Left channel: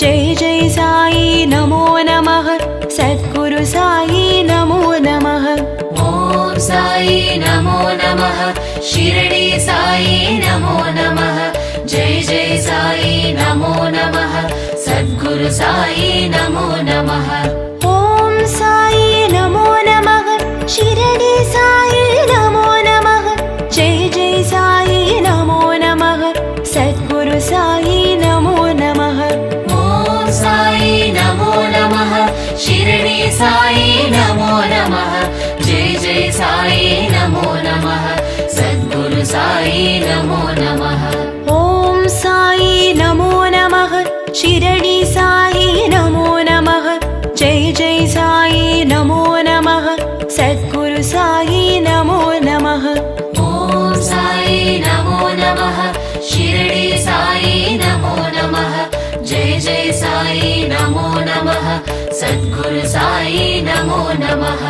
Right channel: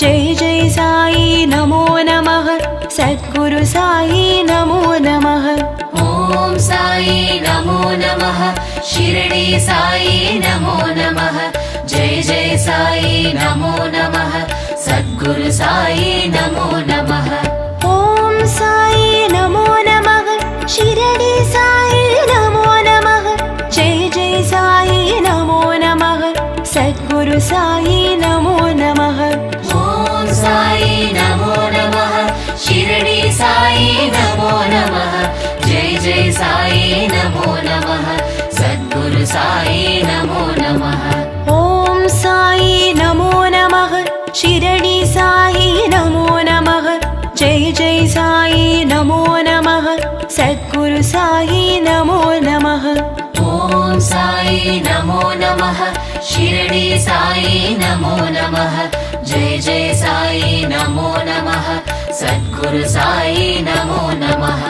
जय जय साई नमो नमः सद्गुरु साई नमो नमः। ओम साई नमो नमः शिरडी साई नमो नमः जय जय साई नमो नमः सद्गुरु साई नमो नमः। ओम साई नमो नमः शिरडी साई नमो नमः जय जय साई नमो नमः सद्गुरु साई नमो नमः। ओम साई नमो नमः शिरडी साई नमो नमः जय जय साई नमो नमः सद्गुरु साई नमो नमः। ओम साई नमो नमः शिरडी साई नमो नमः जय जय साई नमो नमः सद्गुरु साई नमो नमः। ओम साई नमो नमः शिरडी साई नमो नमः जय जय साई नमो नमः सद्गुरु साई नमो नमः।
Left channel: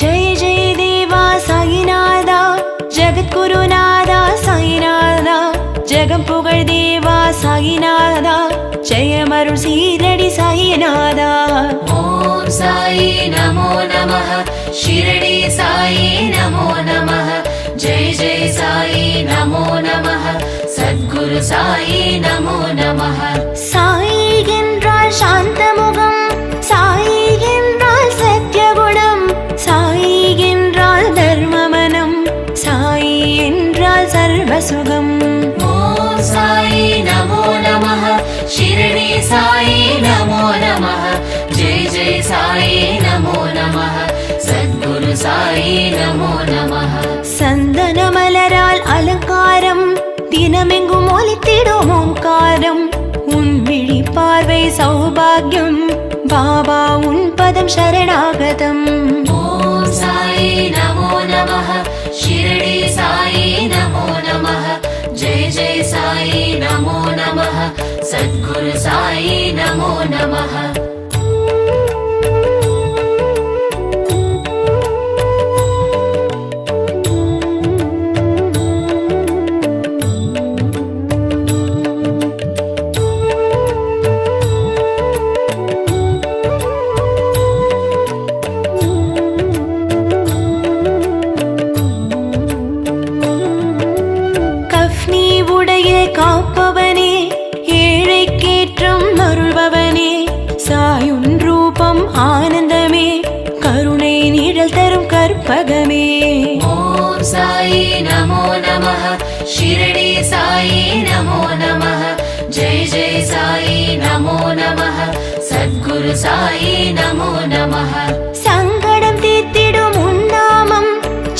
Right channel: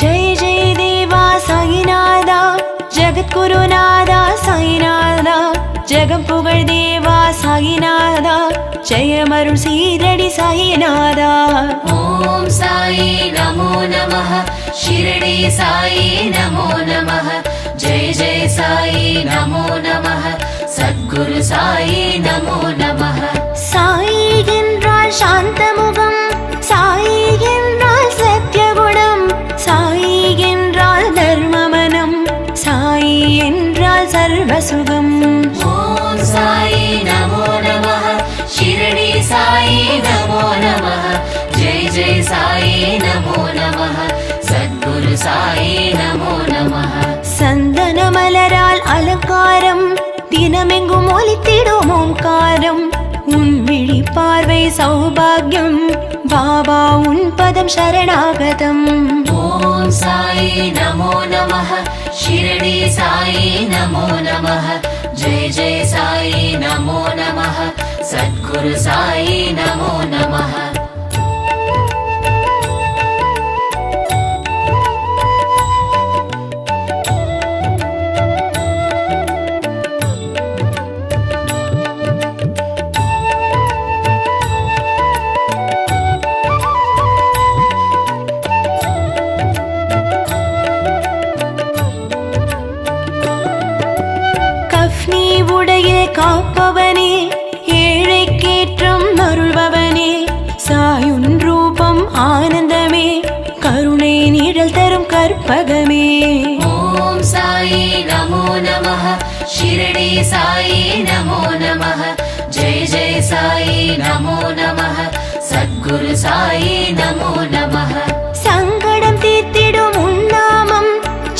जय जय देवा साईनादा जगद्गुरुनादा साईनादा जगं पुगळ देवा साईनादा जयमरुळ शीरडी साईनादा। ओम साई नमो नमः शिरडी साई नमो नमः जय जय साई नमो नमः सद्गुरु साई नमो नमः। साई என்றால் சாந்தமுகம் சாய் என்றால் சத்யகுணம் சாய் என்றால் தர்மமனம் சாய் என்றால் சர்வசுகம்। ओम साई नमो नमः शिरडी साई नमो नमः जय जय साई नमो नमः सद्गुरु साई नमो नमः। சந்தன மலரால் அலங்காரம் தினமெங்கும் ஒலித்திடும் ஓங்காரம் உன் விழி பார்வை சௌபாகியம் பாபா உன் பதம் சரணாகதம்। ओम साई नमो नमः शिरडी साई नमो नमः जय जय साई नमो नमः सद्गुरु साई नमो नमः। கஃப்னி உடையில் காப்பவனே ஏழைக்கேற்றம் அருள்பவனே சாயுன் ரூபம் ஆனந்தமே கருணை நிழல் தரும் கற்பகமே। ओम साई नमो नमः शिरडी साई नमो नमः जय जय साई नमो नमः सद्गुरु साई नमो नमः। சங்கடம் தீர்த்திடும் உன் நாமம்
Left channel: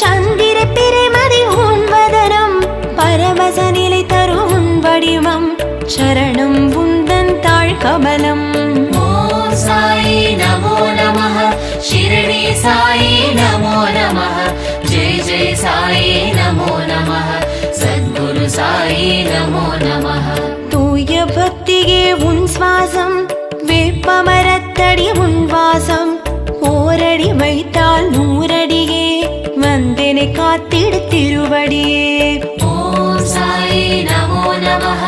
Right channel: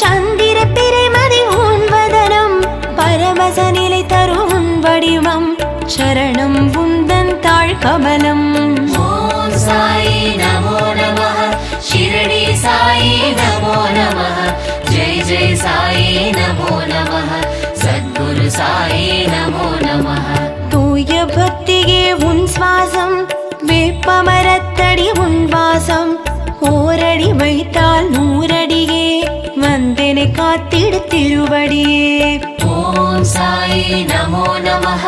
சந்திர பிறைமதி உன் வதனம் பரமச நிலை தரும் உன் வடிவம் சரணம் உந்தன் தாழ் கமலம்। ओम साई नमो नमः शिरडी साई नमो नमः जय जय साई नमो नमः सद्गुरु साई नमो नमः। தூய பக்தியே உன் சுவாசம் வேப்பமரத்தடி உன் வாசம் ஓரடி வைத்தால் நூறடியே வந்தெனை காத்திடு திருவடியே। ओम साई नमो नमः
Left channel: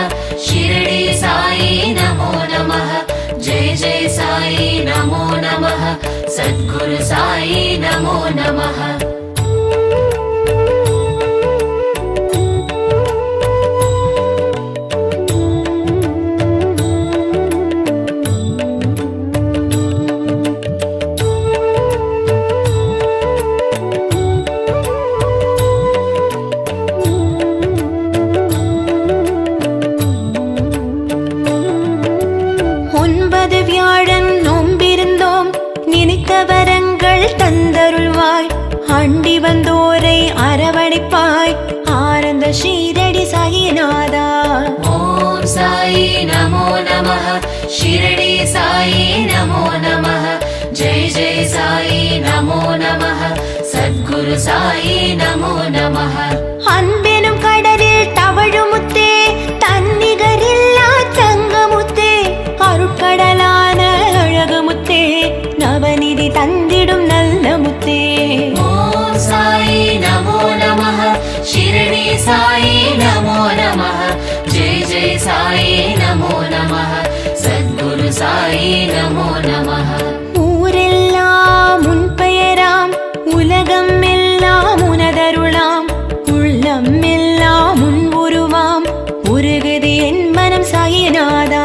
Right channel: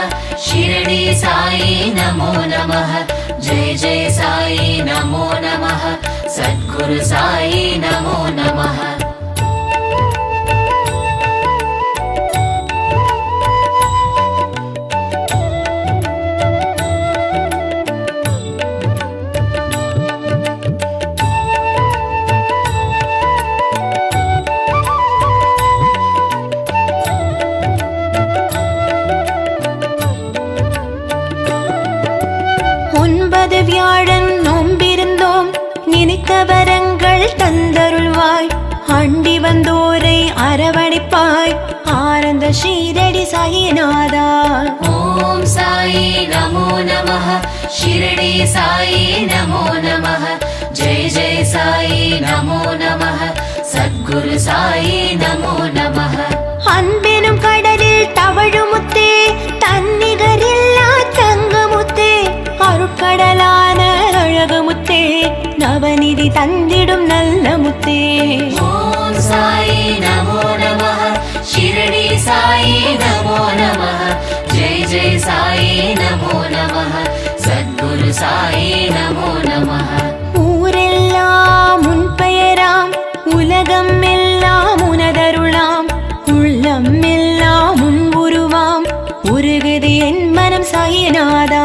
शिरडी साई नमो नमः जय जय साई नमो नमः सद्गुरु साई नमो नमः। ஒன்பது வியாழன் நோம்பிருந்தோம் நினைத்த வரங்கள் தந்தருள்வாய் அண்டி வந்தோரை அரவணைப்பாய் ஆனந்த ஷீரடி சாயிநாதா। ओम साई नमो नमः शिरडी साई नमो नमः जय जय साई नमो नमः சத்குரு சாயி நமோ நமः. அன்பெனும் கடலில் தவழுமுத்தே, தன்னிகரில்லா தங்கமுத்தே, அருட்கடலான அழகுமுத்தே, நவநிதி தந்திடும் நல்ல முத்தே. ஓம் சாயி நமோ நமः. ஷிரடி சாயி நமோ நமः. ஜெய ஜெய சாயி நமோ நமः. சத்குரு சாயி நமோ நமः. ஊரெல்லாம் உன் பெயராம், உலகம் எல்லாம் உனதருளாம், உள்ளம் எல்லாம் உன் உருவாம், உருகுது என் மனம் சாயிநாதா.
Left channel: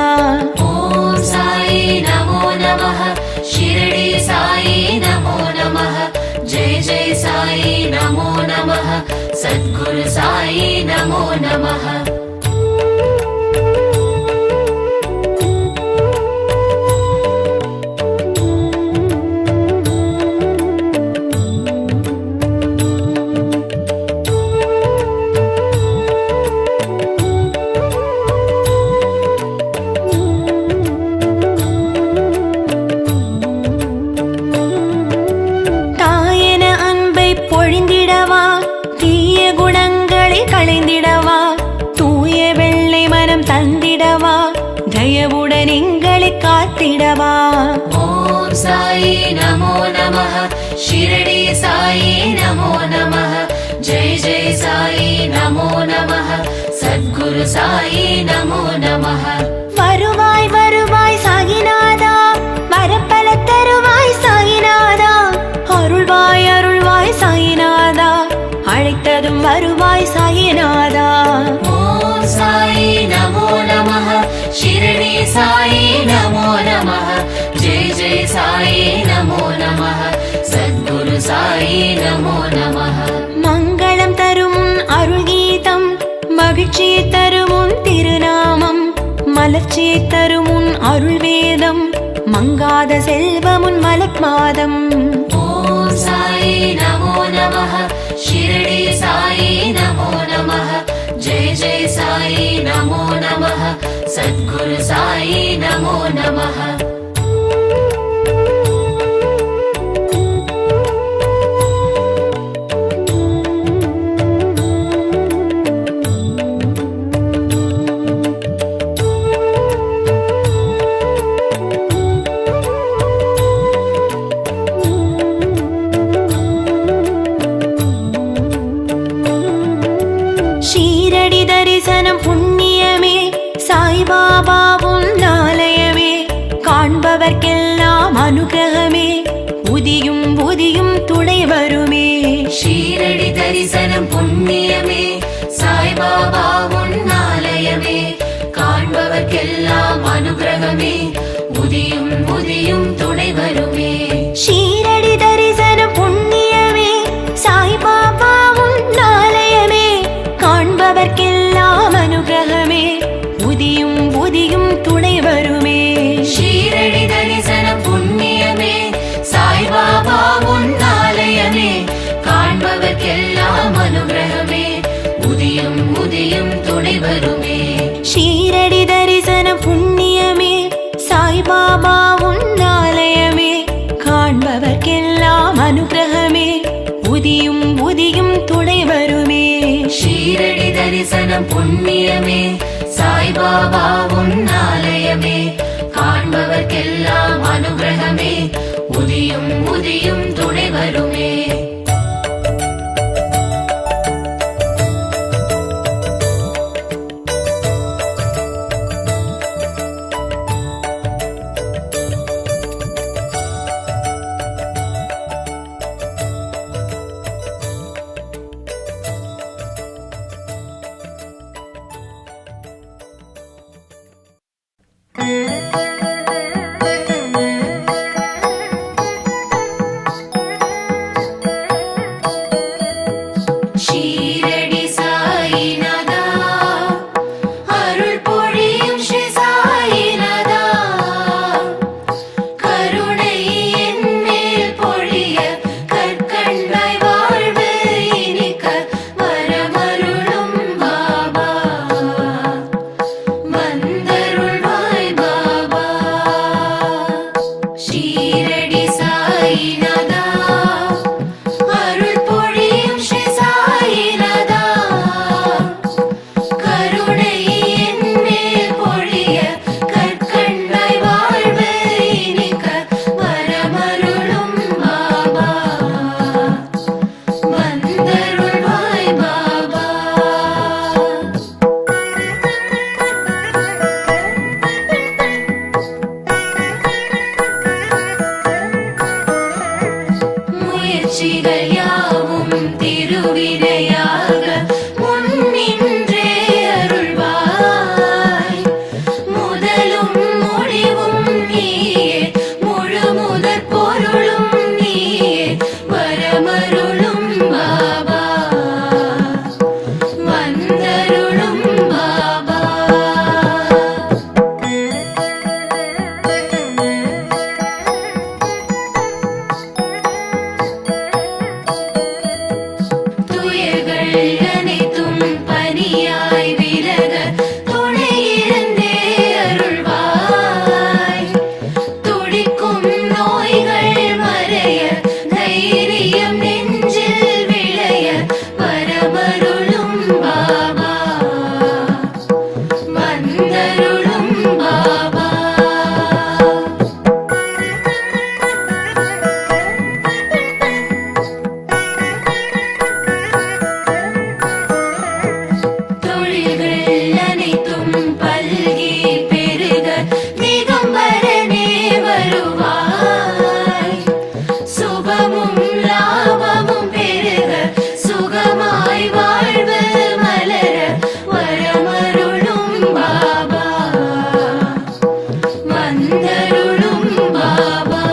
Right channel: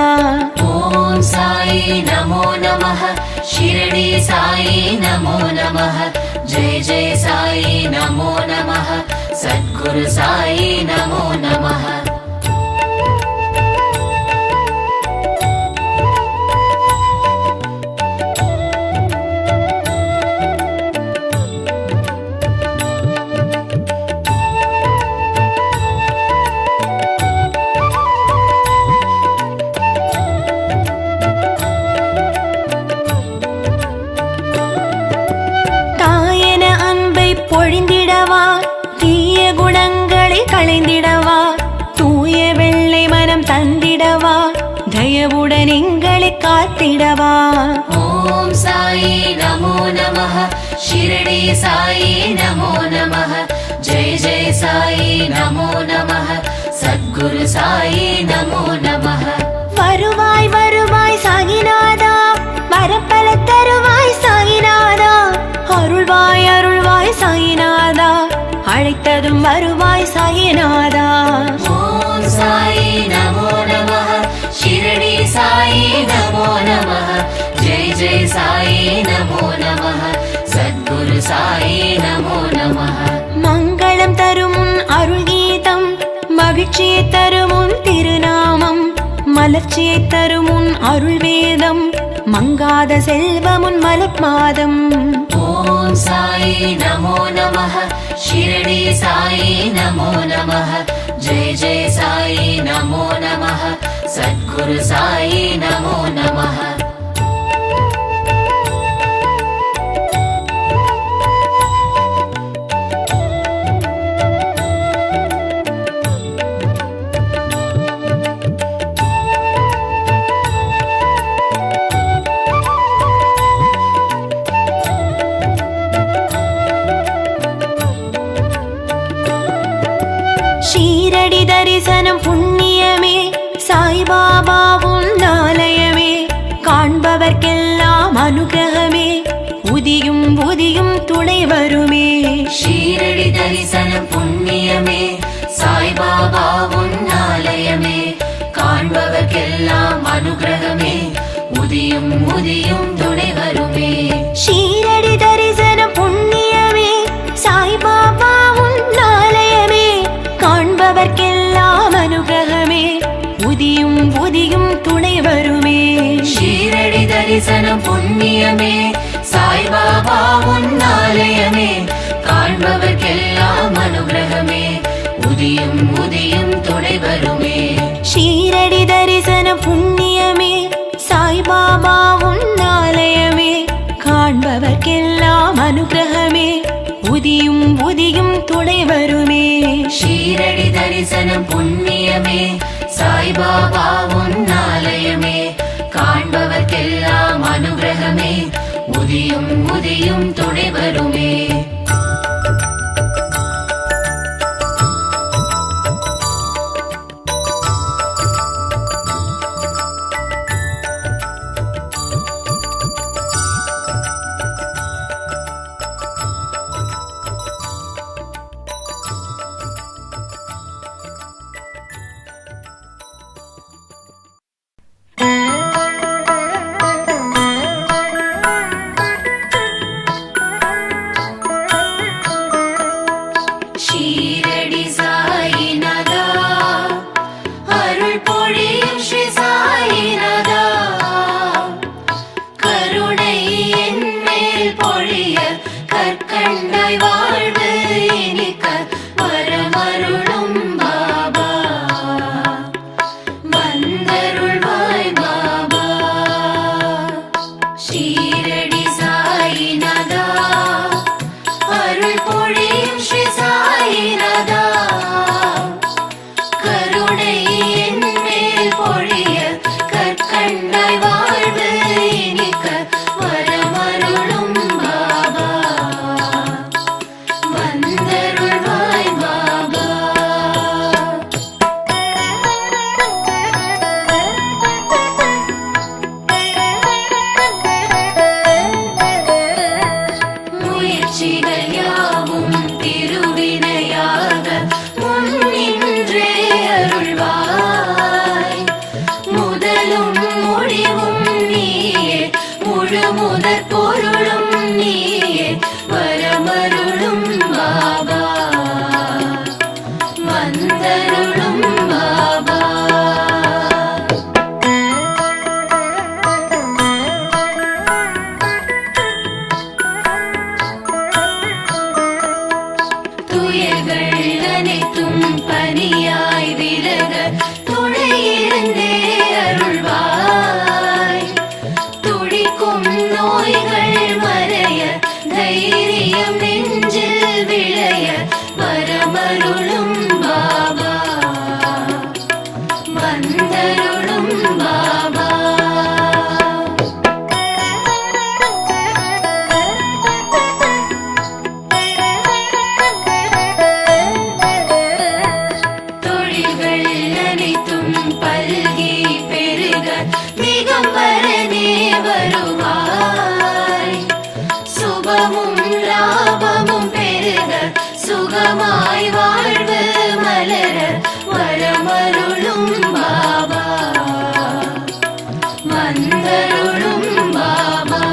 ஓம் சாயி நமோ நமः. ஷிரடி சாயி நமோ நமः. ஜெய ஜெய சாயி நமோ நமः. சத்குரு சாயி நமோ நமः. தாயன அன்பை பொழிந்திடவா, தீய குணங்களை களைந்திடவா, தூய வெள்ளை மனம் தந்திடவா, தயவுடன் எங்களை காத்திடவா. ஓம் சாயி நமோ நமः. ஷிரடி சாயி நமோ நமः. ஜெய ஜெய சாயி நமோ நமः. சத்குரு சாயி நமோ நமः. வருவாய் வருவாய் சாயிநாதா, வரப்பல தருவாய் சாயிநாதா, அருள்வாய் அருள்வாய் சாயிநாதா, அழைத்ததும் வருவாய் சாயிநாதா. ஓம் சாயி நமோ நமः. ஷிரடி சாயி நமோ நமः. ஜெய ஜெய சாயி நமோ நமः. சத்குரு சாயி நமோ நமः. மங்களம் தரும் உன் அருள் கீதம், மகிழ்ச்சியை தரும் உன் திருநாமம், மலர்ச்சியை தரும் உன் அருள் வேதம், மங்காத செல்வம் உன் மலர்மாதம். ஓம் சாயி நமோ நமः. ஷிரடி சாயி நமோ நமः. ஜெய ஜெய சாயி நமோ நமः. சத்குரு சாயி நமோ நமः. ஷீரடி தரிசனம் புண்ணியமே, சாய்பாபா உன் ஆலயமே, காண்பவர்க்கெல்லாம் அனுகிரகமே, புதியும் புதியும் துணை வருமே. ஷீரடி தரிசனம் புண்ணியமே, சாய்பாபா உன் ஆலயமே, காண்பவர்க்கெல்லாம் அனுகிரகமே, புதியும் புதியும் துணை வருமே. ஷீரடி தரிசனம் புண்ணியமே, சாய்பாபா உன் ஆலயமே, காண்பவர்க்கெல்லாம் அனுகிரகமே, புதியும் புதியும் துணை வருமே. ஷீரடி தரிசனம் புண்ணியமே, சாய்பாபா உன் ஆலயமே, காண்பவர்க்கெல்லாம் அனுகிரகமே, புதியும் புதியும் துணை வருமே. ஷீரடி தரிசனம் புண்ணியமே, சாய்பாபா உன் ஆலயமே, காண்பவர்க்கெல்லாம் அனுகிரகமே, புதியும் புதியும் துணை வருமே. ஷீரடி தரிசனம் புண்ணியமே, சாய்பாபா உன் ஆலயமே, காண்பவர்க்கெல்லாம் அனுகிரகமே, புதியும் புதியும் துணை வருமே. வந்தருள்வாய் பாபா. முயற்சிகள் யாவும் திருவினையாக முன்னின்றே அருள்வாய். முதலும் முடிவும் நீயே, முழு முதற் பொருளும் நீயே, வரமருளும் பாபா, வந்தருளும் பாபா. துயர்கள் அனைத்தும் பனியாய் விலக துணையிருந்தே அருள்வாய். துடிக்கும் நோய்கள் மறைய, தைரியம் நெஞ்சில் விளைய, வரமருளும் பாபா, வந்தருளும் பாபா. தொழில்கள் அனைத்தும் பல்கி பெருக திகம்பரனே வருவாய். சுபமும் லாபமும் பெருக, சுகமாய் வாழ்வு மலர, வரமருளும் பாபா, வந்தருளும் பாபா.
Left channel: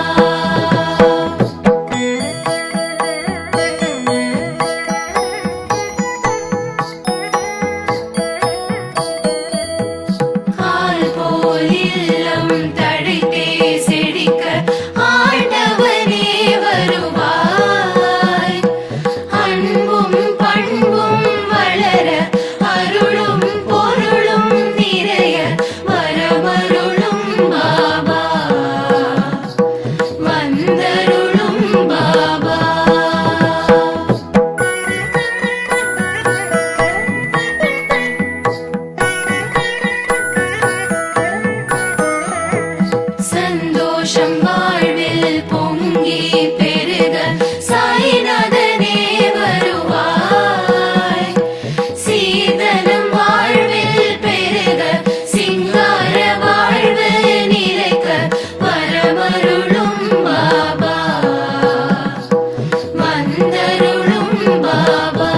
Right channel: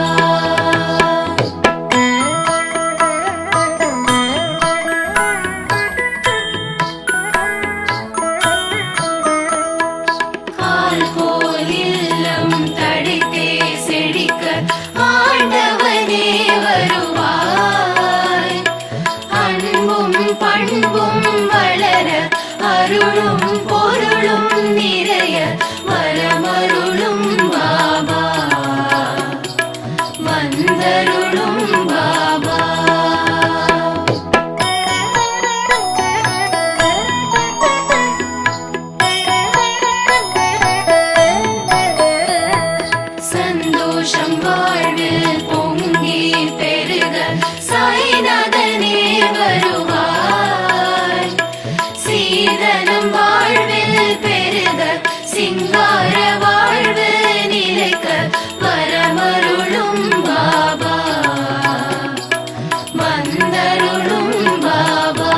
கால் போல் இல்லம் தழைத்தே செழிக்க, ஆண்டவனே வருவாய். அன்பும் பண்பும் வளர, அருளும் பொருளும் நிறைய, வரமருளும் பாபா, வந்தருளும் பாபா. சந்தோஷம் வாழ்வில் பொங்கி பெருக, சாய்நாதனே வருவாய். சீதனம் வாழ்வில் பெருக, சிங்கார வாழ்வு நிலைக்க, வரமருளும் பாபா, வந்தருளும் பாபா.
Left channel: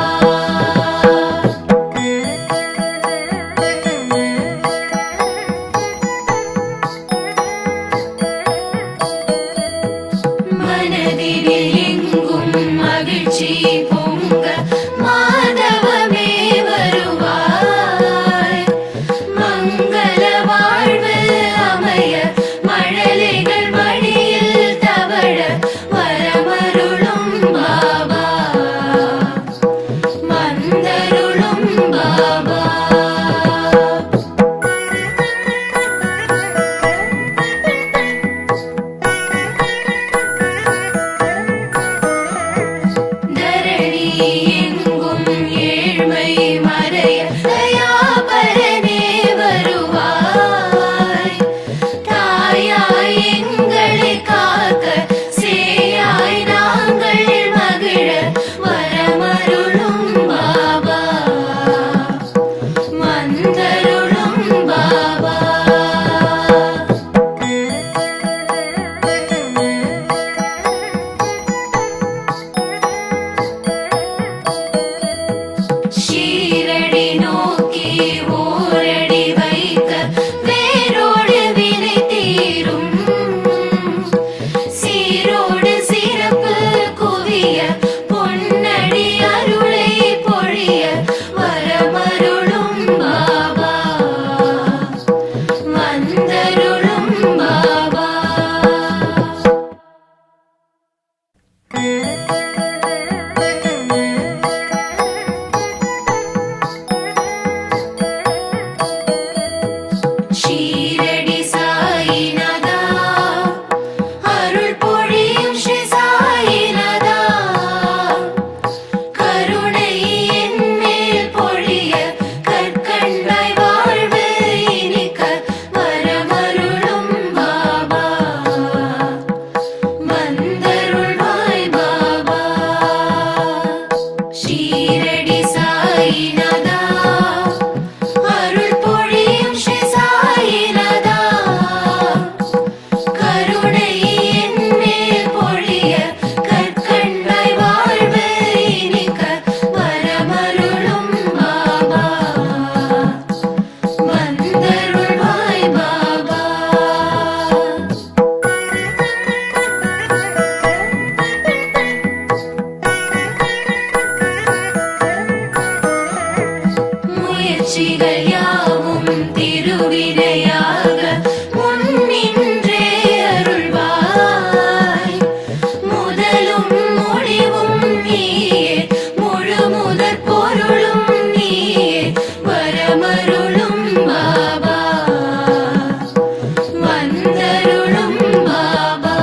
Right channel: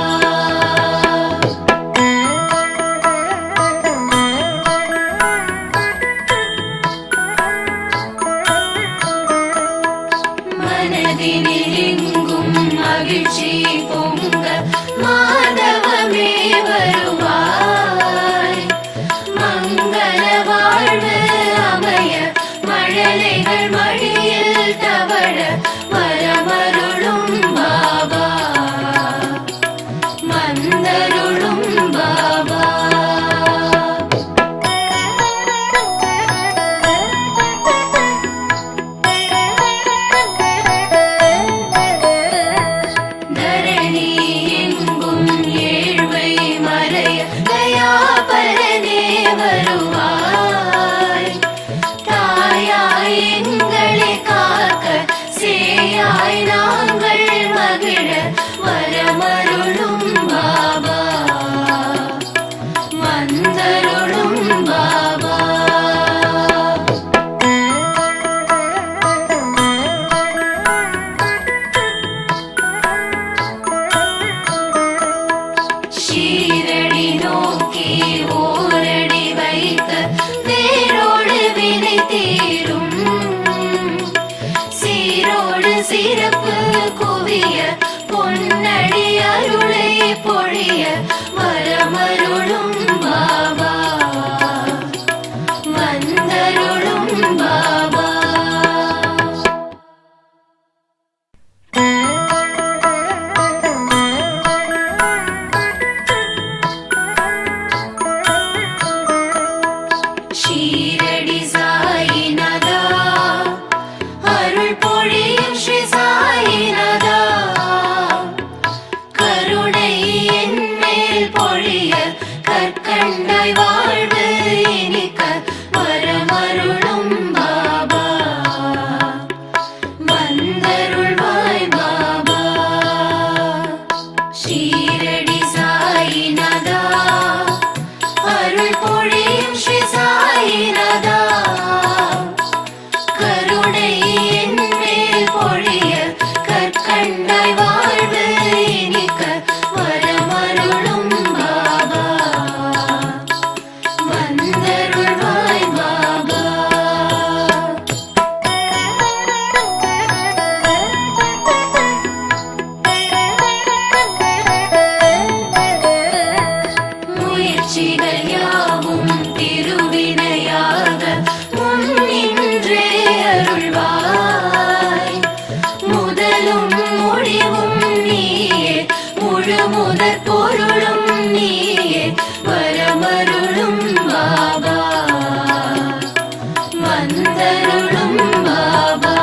மனதினில் எங்கும் மகிழ்ச்சி பொங்க, மாதவமே வருவாய். மங்கள வாழ்வு அமைய, மழலைகள் மடியில் தவழ, வரமருளும் பாபா, வந்தருளும் பாபா. தரணி எங்கும் ஏழ்மை மறைய, தயாபரனே வருவாய். தாயாய் எங்களை காக்க, சேயாய் நாங்கள் மகிழ, வரமருளும் பாபா, வந்தருளும் பாபா. ஷீரடி நோக்கி ஓரடி வைக்க, வேரோடு வினை தீரும். சீரோடு சிறப்பு குவிய, பொன்னடி அருளை பொழிய, வரமருளும் பாபா, வந்தருளும் பாபா. ஷீரடி சாயிநாதா அருள் பொழியும் ஸ்ரீ சாயிநாதா கருணை என் மேல் பொழிய கற்கண்டாய் வாழ்வு இனிக்க வரமருளும் பாபா வந்தருள்வாய் பாபா. முயற்சிகள் யாவும் திருவினையாக முன்னின்றே அருள்வாய் முதலும் முடிவும் நீயே முழு முதற் பொருளும் நீயே வரமருளும் பாபா வந்தருளும் பாபா.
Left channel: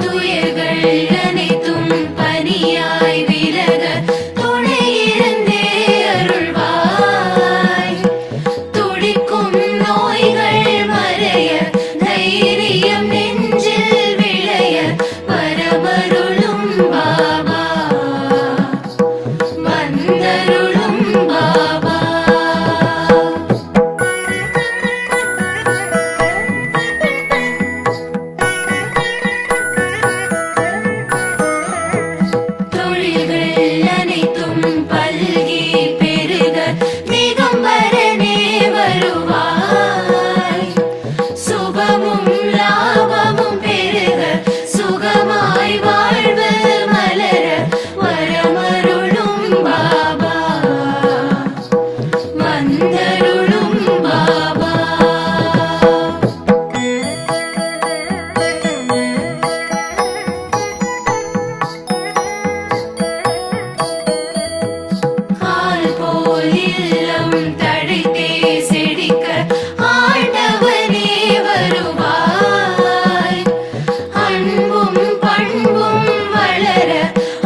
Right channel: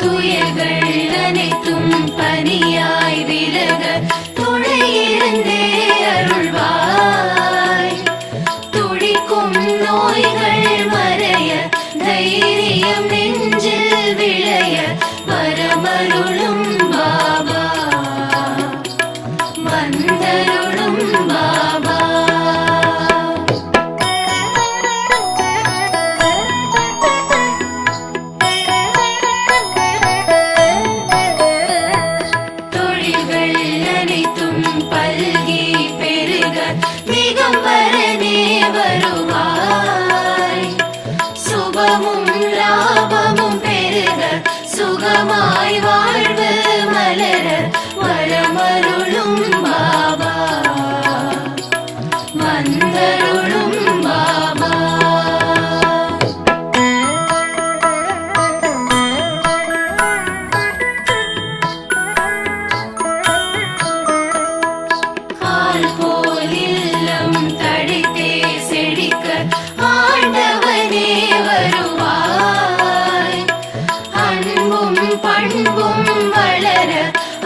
துயர்கள் அனைத்தும் பனியாய் விலக துணையிருந்தே அருள்வாய் துடிக்கும் நோய்கள் மறைய தைரியம் நெஞ்சில் விளைய வரமருளும் பாபா வந்தருளும் பாபா. தொழில்கள் அனைத்தும் பல்கி பெருக திகம்பரனே வருவாய் சுபமும் லாபமும் பெருக சுகமாய் வாழ்வு மலர வரமருளும் பாபா வந்தருளும் பாபா. கால் போல் இல்லம் தழைத்தே செழிக்க ஆண்டவனே வருவாய் அன்பும் பண்பும் வளர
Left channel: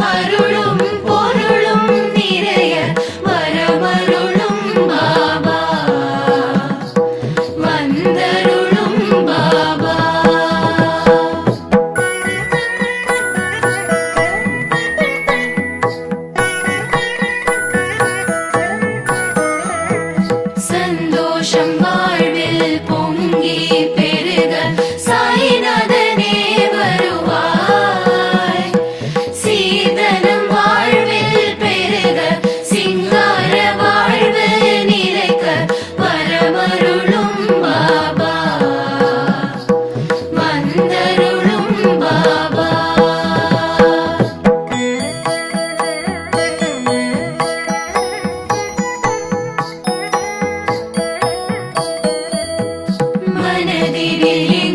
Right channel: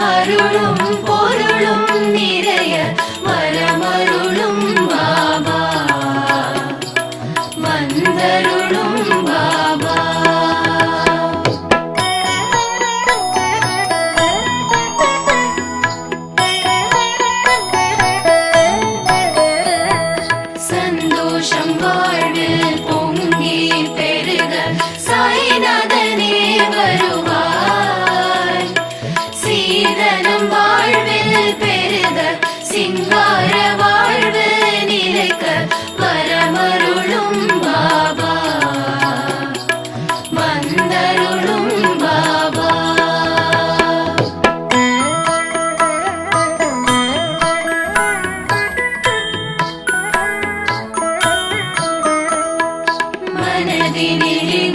அருளும் பொருளும் நிறைய வரமருளும் பாபா வந்தருளும் பாபா. சந்தோஷம் வாழ்வில் பொங்கி பெருக சாய்நாதனே வருவாய் சீதனம் வாழ்வில் பெருக சிங்கார வாழ்வு நிலைக்க வரமருளும் பாபா வந்தருளும் பாபா. மனதினில்